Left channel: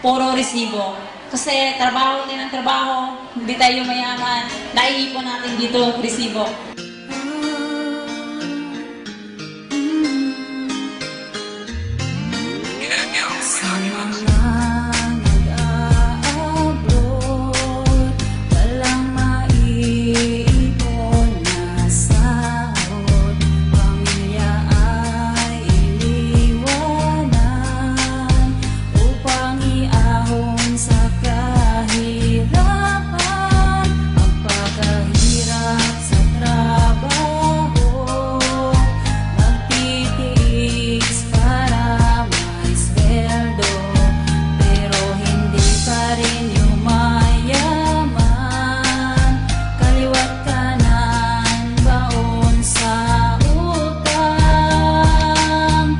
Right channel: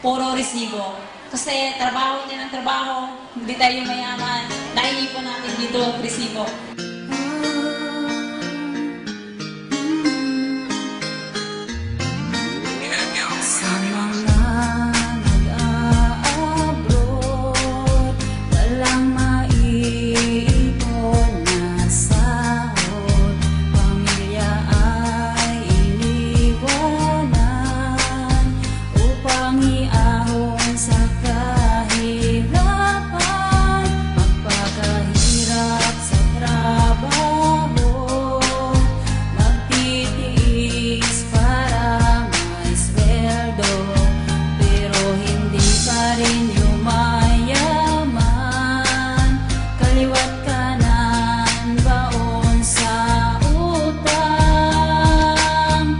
puro resibo. Kasi trabaho din ang trabaho, hindi tayo mayaman, naiipon natin dito resibo. Sa mga nag-a-abroad, walang maiipon na sahod, pamilya ay iniwanan upang iahon sa kahirapan, magpakahirap sa trabaho, magtitiis para may sweldo, pero hindi pa rin yumayaman, kaliwat kanan baon sa utang.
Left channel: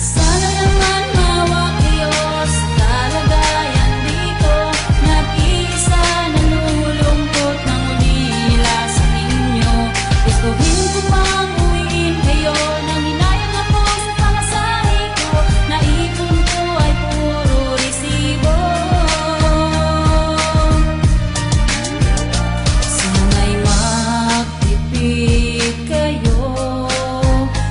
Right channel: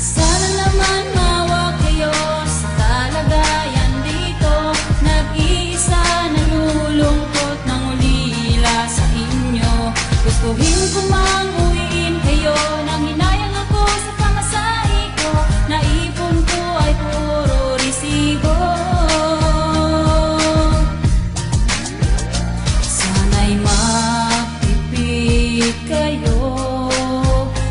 Sana naman mawa kayo sa kalagayan dito, nag-iisa nalulungkot ng ulila sa inyo. Gustuhin ko mang uwiin kayo, nang hinayang ako sa pamasahe ko, naipon ko ay puro resibo. Sana'y magtipid kayo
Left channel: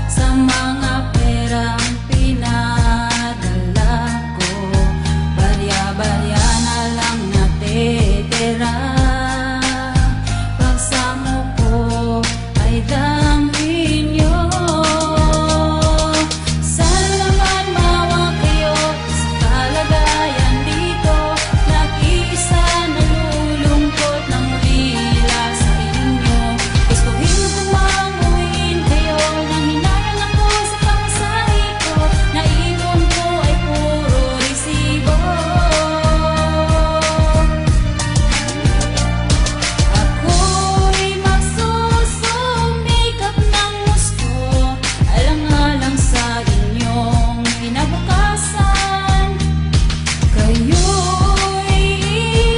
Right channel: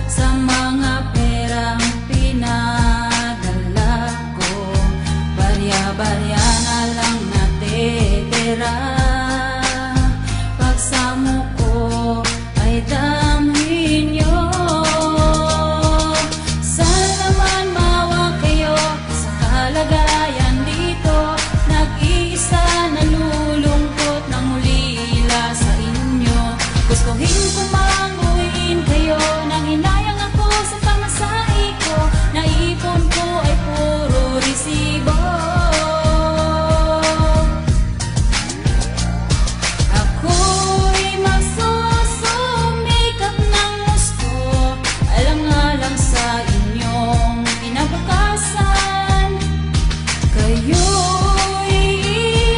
sa mga perang pinadala ko, barya-barya na lang natitira, pagsamo ko ay damhin nyo. Sana naman mawa kayo sa kalagayan dito, nag-iisa nalulungkot ng ulila sa inyo. Gustuhin ko mang uwiin kayo, nang hinayang ako sa pamasahe ko, naipon ko ay puro resibo. Ako'y magsusumikap ng gusto, alang-alang sa inyong kinabukasan. Kayo'y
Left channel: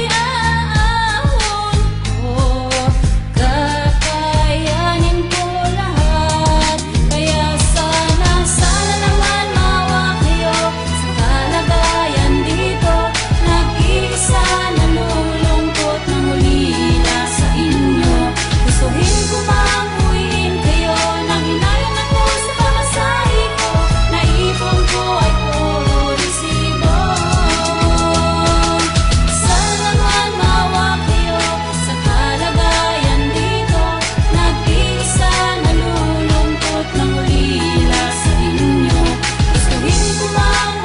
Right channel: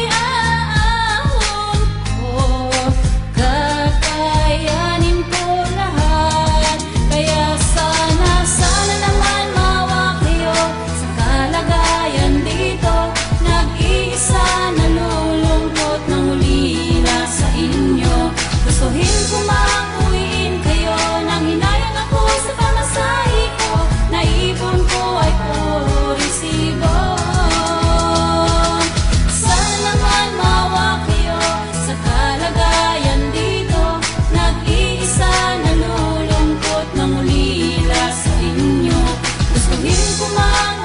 iaahon ko, kakayanin ko lahat. Kaya sana naman mawa kayo sa kalagayan dito, nag-iisa nalulungkot ng ulila sa inyo. Gustuhin ko mang uwiin kayo, nang hinayang ako sa pamasahe ko, naipon ko ay puro resibo. Sana naman mawa kayo sa kalagayan dito, nag-iisa nalulungkot ng ulila sa inyo. Gustuhin ko mang